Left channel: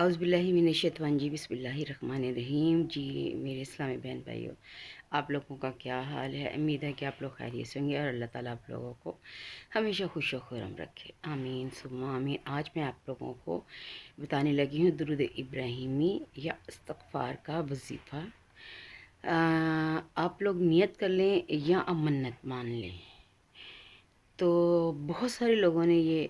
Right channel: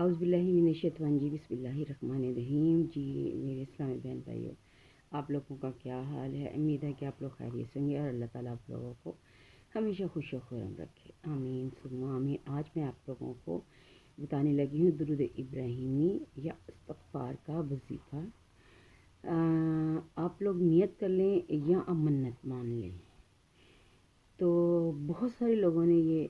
اعوذ باللہ من الشیطان جی بسم اللہ الرحمن الرحیم جی میرے اسلامی بہن بھائیوں، آپ لوگوں کا کیا حال ہے؟ امید ہے کہ آپ لوگ خیریت سے ہوں گے اور اللہ تعالیٰ آپ لوگوں کو ہمیشہ خوش و خرم رکھے، آمین ثم آمین۔ آج میں آپ لوگوں کو بتانے لگی ہوں درود ابراہیمی یا استغفار کا وظیفہ۔ آپ لوگ نیت کر لیں یا منت مان لیں۔ تو بہت سارے لوگوں نے یہ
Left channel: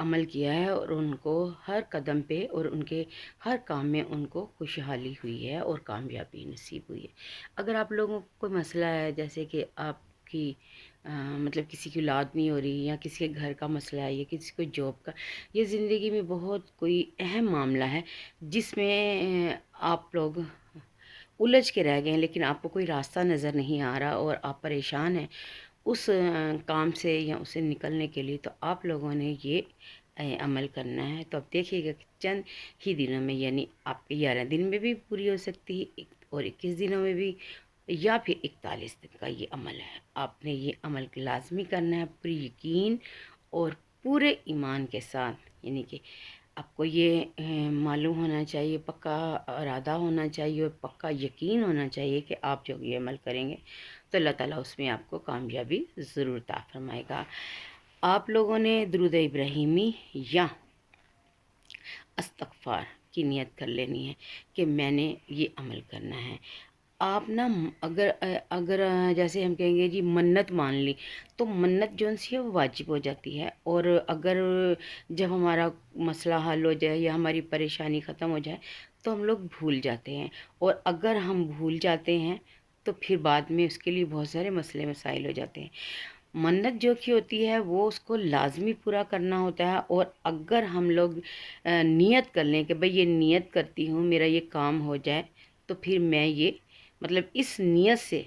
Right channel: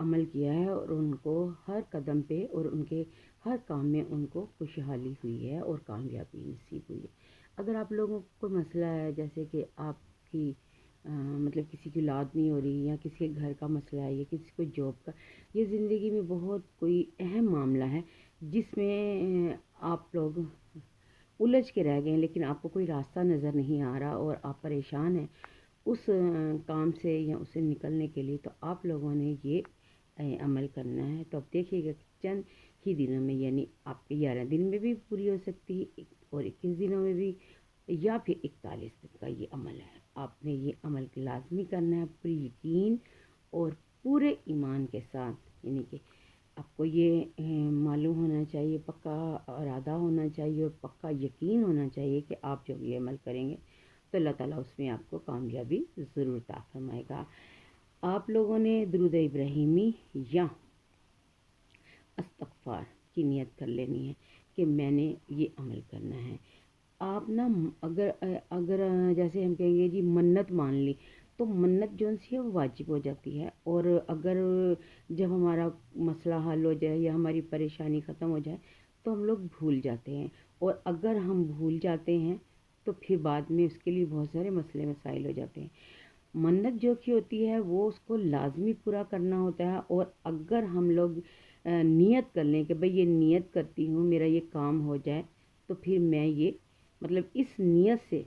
عمل کیا ہے اور ان کو ہر قدم پہ اور ان کے ہر کام میں ان کو خوشحالی ہوئی ہے اور کامیابی نصیب ہوئی ہے۔ اگر آپ لوگوں کو کوئی مسئلہ ہے، جیسے کہ آپ کی کسی کی اولاد نہیں ہو رہی، یا کسی کے گھر کا مسئلہ ہے، یا کسی کو جاب کا، یہ زندگی میں بہت کوئی اہم معاملہ ہے جس میں آپ لوگ الجھ کے رہ گئے ہیں، لیکن آپ کو کوئی راستہ نظر نہیں آ رہا اور آپ پریشان ہیں اس کام سے یا اسے نکلنے کے لیے، تو آپ لوگوں نے یہ عمل کرنا ہے۔ تو اب دیکھیے گا کہ چند ہی دنوں میں، یعنی آپ کے 11 دن میں بھی پوری ہو سکتی ہے اور 21 دنوں میں بھی، یا پھر 41 دن کا یہ عمل ہے۔ آپ نے یہ عمل لازمی کرنا ہے پوری یقین اور پورے ایمان کے ساتھ، یعنی کہ آپ کو یہ معلوم ہونا چاہیے، پکا ارادہ ہونا چاہیے اور پکا یقین ہونا چاہیے کہ آپ جو یہ عمل کریں گے تو اللہ تعالیٰ اس میں آپ کو کامیابی ضرور عطا فرمائے گا۔ آپ لوگوں نے درود ابراہیمی یا استغفار کی نیت کر لینی ہے کہ میں نے یہ عمل کرنا ہے۔ آپ نا اگر جیسے ہم کہیں گے جی منت مان لی، تو منت جو سی ہے وہ واجب ہو جاتی ہے، اور اگر جب ہمارا مسئلہ حل ہو جائے یا ہماری پریشانی ختم ہو جائے تو ہم لوگ بھول جاتے ہیں، اور اگر ہم بھول جاتے ہیں تو پھر بعد میں اس کے لیے بہت سارے مسئلے مسائل ہو جاتے ہیں۔ منت جو کی ہوتی ہے وہ اس کو لازمی پورا کرنا ہوتا ہے، اور اگر ہم لوگ نیت کر لیں کہ بھئی یہ نیت کرتی ہوں میرا یہ کام ہو جائے، تو پھر میں یہ اس نیت سے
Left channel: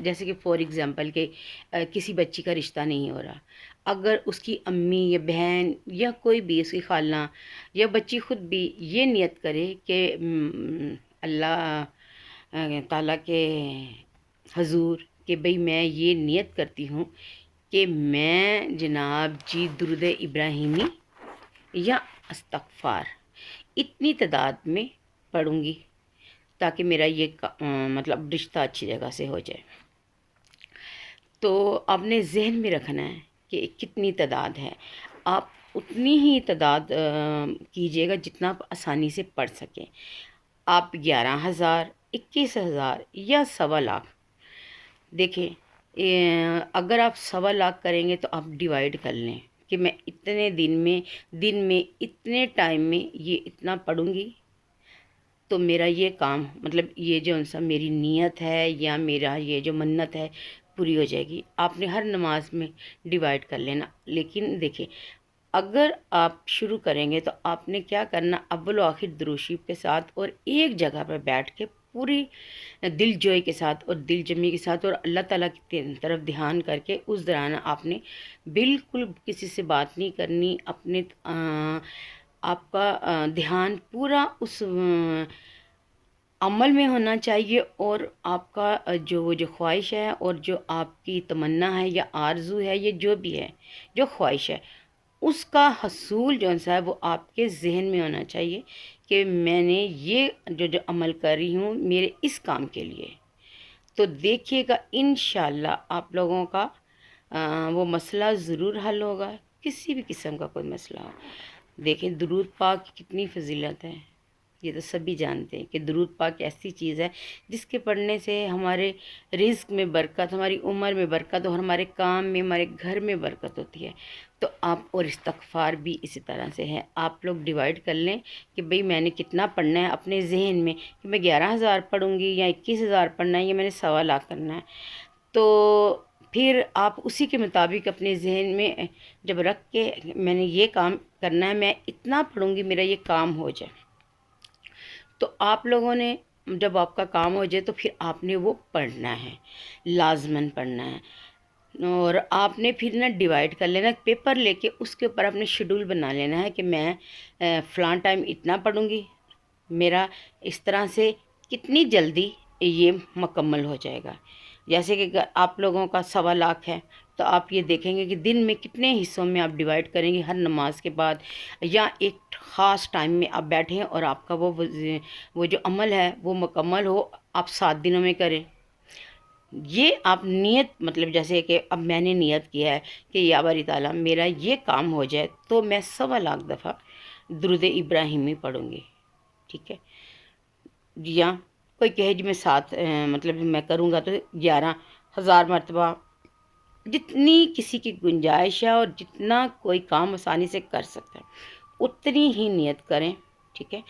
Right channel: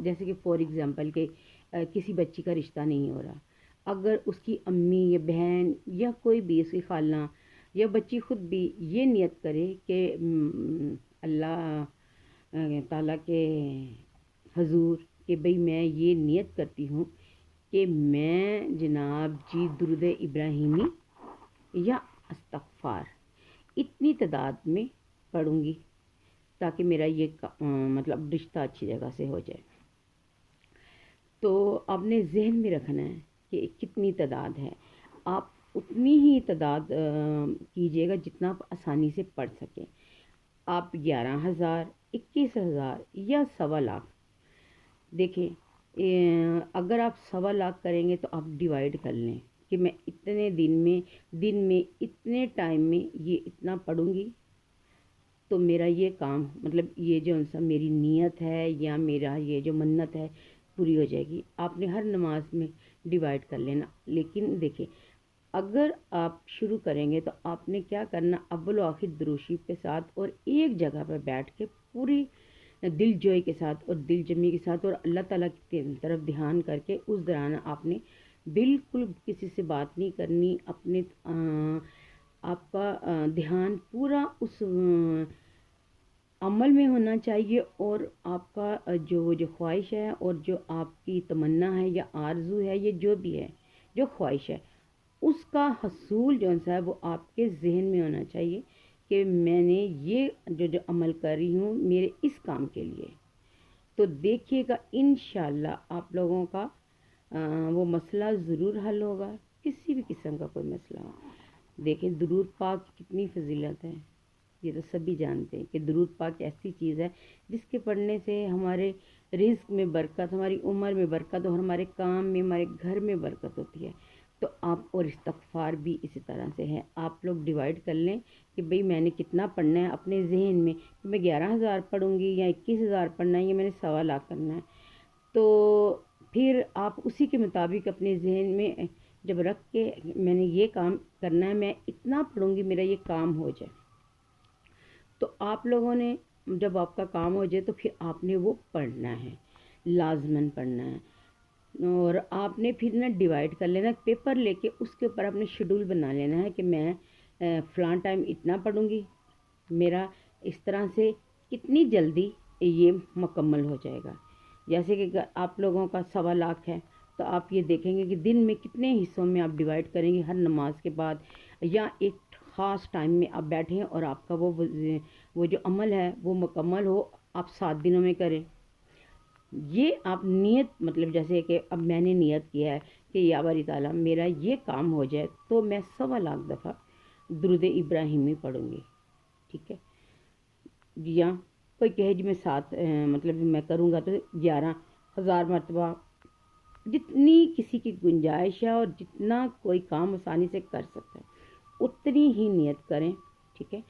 جیسے کہ فور ایگزامپل کہ کسی بچی کا رشتہ نہیں ہو رہا، اگر اس کی امی یا بہن یا کوئی بھی اس کی خالہ یا بچی خود بھی یہ نیت کرے کہ اللہ تعالیٰ کے حضور کہ بھئی میں یہ نیت کرتی ہوں کہ میں جناب جی درود ابراہیمی یا استغفار اتنی تعداد میں پڑھوں گی تاکہ میرا یہ رشتہ اچھی جگہ سے ہو جائے، تو آپ نے ذہن میں رکھنا ہے کہ کتنی تعداد ہے۔ آپ اتنی ہی تعداد کیجیے گا جتنا آپ آسانی سے پڑھ سکیں۔ آپ 11,000، 21,000 یا 1.25 لاکھ، دیکھیں اگر آپ 1.25 لاکھ کریں گے تو آپ ڈیوائڈ کر لیں کہ میں اتنے دن میں اتنے ٹائم میں یہ اتنا پڑھوں گی تو میرا یہ کام یہ جو میری نیت ہے یا میرا یہ جو منت ہے پوری ہو جائے گی۔ آپ نے ہر نماز میں ڈیوائڈ کر لینا، لیکن دیکھیں اگر آپ شروع کریں گے تو آپ نے کیا کرنا، اول و آخر درود شریف کے ساتھ اور ایک جگہ پر بیٹھ کے پوری دل جوئی کے ساتھ اور دل جمی کے ساتھ اور اللہ تعالیٰ کی طرف دھیان کر کے اس دوران آپ نے بالکل کسی سے بات نہیں کرنی، آپ کا دھیان پورا اس عمل میں ہونا چاہیے، اور آپ کا جو خواہش ہے اور جو آپ کی تمنا ہے یا آرزو ہے، یہ جو بھی ہے جو خواہش ہے، اس کا حصول جو ہے وہ آپ کے ذہن میں ہونا چاہیے کہ میں نے یہ جو عمل کر رہی ہوں میرے اس کام کے لیے۔ تو دیکھیے گا انشاءاللہ آپ لوگوں کا وہ مسئلہ ضرور حل ہوگا، کسی بھی قسم کا کوئی مسئلہ ہو۔ دیکھیں درود پاک کی کتنی فضیلت ہے، یہ تو سبھی جانتے ہیں کہ درود پاک ایسی چیز ہے جس کے پڑھنے سے ہمارے رزق میں برکت، ہماری عمر میں برکت اور ہمارے کام میں، ہمارے گھر میں برکت ہوتی ہے۔ تو آپ اور استغفار بھی اسی طرح سے ہے، آپ لوگ ڈیوائڈ کر لیں کہ بھئی میں نے کتنا پڑھنا ہے اپنے ذہن میں، کہ میں 11,000 پڑھوں گی یا 21,000 پڑھنا ہے یا میں نے 1.25 لاکھ کرنا ہے۔ تو پھر آپ اسی کے مطابق اپنے ذہن میں جب رکھ کے میں نے یہ کام کرنا ہے، میں اتنا پڑھوں گی میرا یہ کام ہو جائے، تو آپ لوگوں نے جب آپ کا کام ہو جائے تو پھر آپ نے وہ پڑھنا ہے، لازماً پڑھنا ہے۔ اور آپ نے پھر ڈیوائڈ کر لینا پیپر لے کے، اس کے اوپر اپنے شیڈول بنا لینا ہے کہ میں فلاں ٹائم اتنا پڑھوں گی، میرا اس طرح سے کتنی جلدی یہ مکمل ہو جائے گا۔ جیسے کہ آپ لوگوں کا 1.25 لاکھ ہے تو آپ یہ دیکھیں گے کہ دن میں کتنے حصوں میں آپ ڈیوائڈ کریں گے ہر نماز کے بعد، یا ایک خاص ٹائم میں آپ بیٹھیں اور آپ کا وہ جو عمل ہے وہ مکمل ہو، آپ 7 دنوں میں کریں۔ یہ آپ نیت، مطلب جیسے کہ اب میں نے نیت کیا ہے کہ یا باری تعالیٰ میرا یہ کام ہو جائے تو میں 1.25 دفعہ درود ابراہیمی پڑھوں گی، ٹھیک ہے؟ یا کوئی کہے جی میں 7 مطلب میں کروں گا تو 11,000 مرتبہ، جتنی کسی کی گنجائش ہے اور جتنا کوئی کام آسانی سے کر سکتا ہے اتنی ہی نیت کریں، ٹھیک ہے؟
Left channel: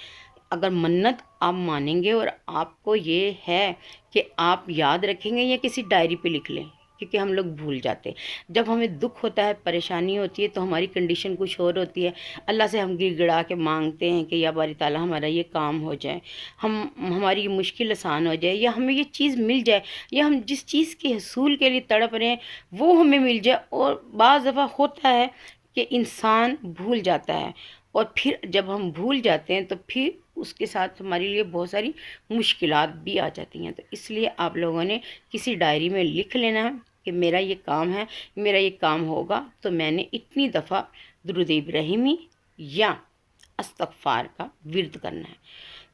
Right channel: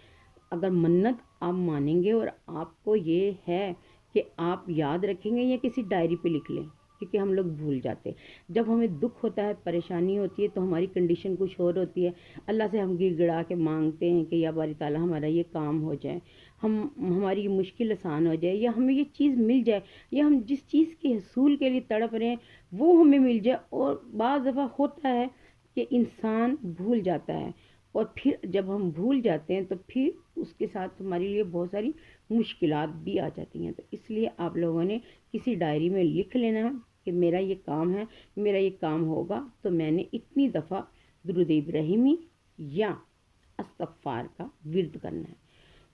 اگر منت آپ مانیں گے اور آپ کو یہ ہے کہ آپ یاد رکھیں گے یا کسی ڈائری پہ لکھ لیں، کیونکہ ہم لوگ بھول جاتے ہیں جب ہمیں دکھ ہوتا ہے، پریشانی ہوتی ہے تو ہماری کنڈیشن کچھ اور ہوتی ہے، اللہ سے ہم گڑ گڑا کے مانگتے ہیں کہ یا باری تعالیٰ ہمارا یہ کام ہو جائے، ہماری یہ مشکل آسان ہو جائے، یا ہمیں یہ چیز مل جائے، یا ہم جس چیز کے حصول کے لیے تڑپ رہے ہیں وہ ہمیں مل جائے۔ اور بعض دفعہ ہوتا ہے کہ انسان بھول جاتا ہے، اور پھر جب ہم بھول جاتے ہیں تو پھر اس کے ساتھ ہمارے لیے بہت ساری مشکلات بھی آ جاتی ہیں۔ تو اس لیے آپ لوگوں نے کسی ڈائری میں لکھ لینا ہے کہ میرا یہ کام ہے، میرا یہ کام ہوگا تو میں نے اتنی دفعہ درود ابراہیمی یا استغفار کا ورد کرنا ہے۔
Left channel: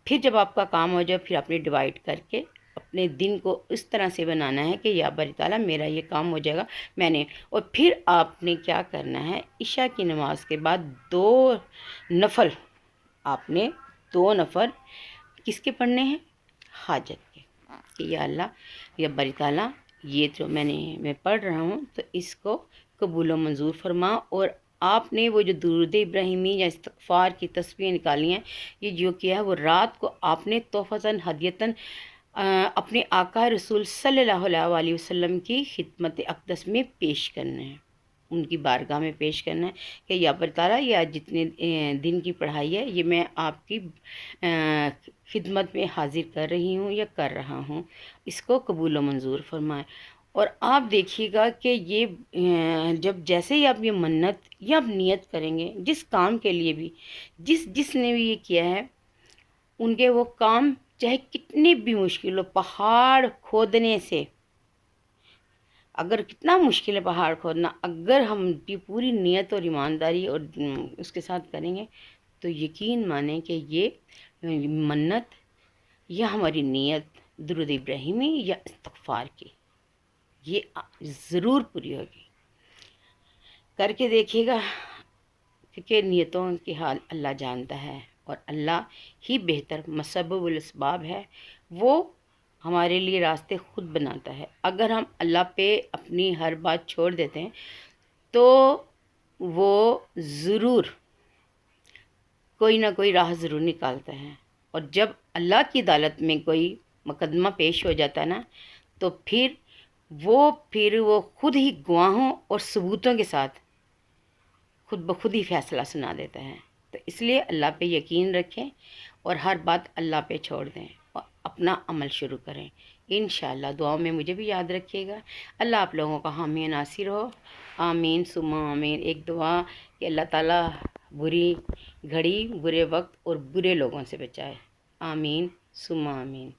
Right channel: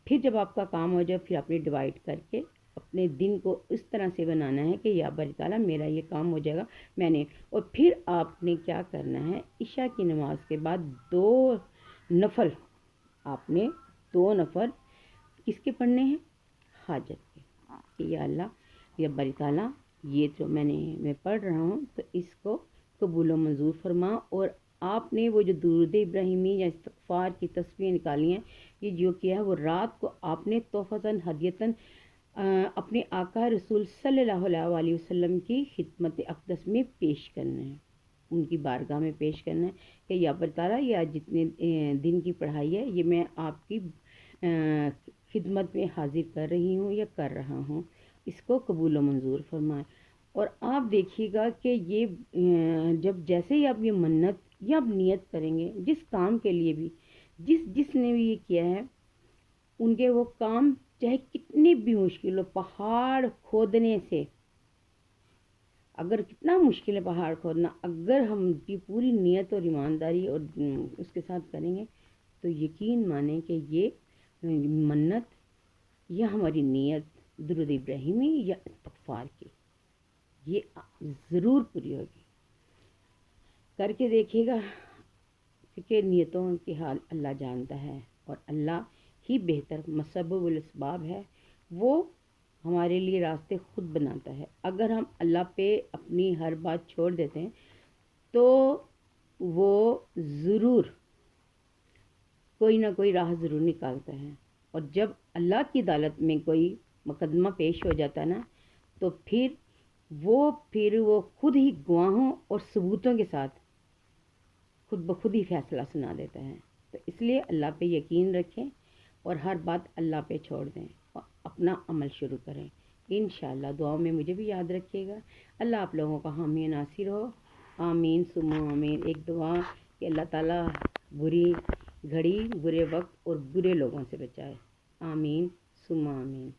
پھر جب آپ کا کام ہو جائے پھر آپ نے ڈیوائڈ کر کے اپنے دن کو اس طرح سے بنانا ہے کہ یا باری تعالیٰ میرا یہ کام ہو جائے گا میں نے۔ اور پھر آپ نے کیا کرنا ہے، عشاء کی نماز کے بعد 2 نفل، آپ نے 2 نفل کس کے پڑھنے ہیں؟ حاجت کے، کہ یا اللہ یا باری تعالیٰ یہ جو میں پڑھ رہا ہوں تو اس کو قبول و منظور فرما۔ اور آپ نے وہ جو درود ابراہیمی یا استغفار کی تسبیح نکالی ہیں، یہ جو کیا ہے وہ رات کو آپ نے تحفۃً ہدیۃً اپنے آقا رسول صلی اللہ علیہ وسلم کی خدمت اقدس میں پیش کرنا ہے، ان کی بارگاہ میں پیش کرنا ہے کہ یا باری تعالیٰ یہ آج جتنے دن کی پڑھائی ہے یہ میں آپ کی خدمت میں حاضر کر رہی ہوں یا کر رہا ہوں، اس کو قبول و منظور فرمائے۔ اور آپ دیکھیے گا کہ یہ جب جیسے ہی آپ یہ منت یا آپ نیت کریں گے جس کام کے لیے بھی، جس نے بھی یہ کیا ہے، ان کے وہ کام چاہے کتنے بھی مشکل ہو، پہاڑ کھودنے سے، اگر کتنا مشکل ہے پہاڑ کھودنا، اگر ہم کی پوری نیت اور ایمانداری اور اس کے ساتھ کریں گے تو یقین مانیں کہ یہ منت یا ہماری نیت درود ابراہیمی یا استغفار کی یہ ضرور پوری ہوگی۔ کر کے دیکھیے گا، کیونکہ نیتوں کی حال اللہ جانتا ہے اور اللہ ہی بہتر مسبب الاسباب ہے، وہ ہمارے لیے راستے خود بناتا ہے۔ اگر ہم اللہ پہ اپنی ہر بات چھوڑ دیتے ہیں تو وہ ضرور کوئی نہ کوئی راہ ضرور نکالتا ہے، اور جب اللہ کی عدالت میں کوئی مقدمہ پیش ہو جاتا ہے نا تو پھر وہ خود ہی گواہوں اور ثبوتوں کے ساتھ خود بخود ہی فیصلہ سنا دیتا ہے۔ تو اس لیے اللہ پہ یقین رکھیں اور ہر بات اللہ پہ چھوڑ دیں اور اپنا عمل شروع کریں۔ انشاءاللہ دعاؤں میں مجھے بھی یاد رکھیے گا۔ اللہ آپ لوگوں کا حامی ناصر ہو، آمین ثم آمین۔ ایک دعا کہ اللہ تعالیٰ بری گھڑی، برے وقت اور برے لوگوں سے بچائے، آمین ثم آمین۔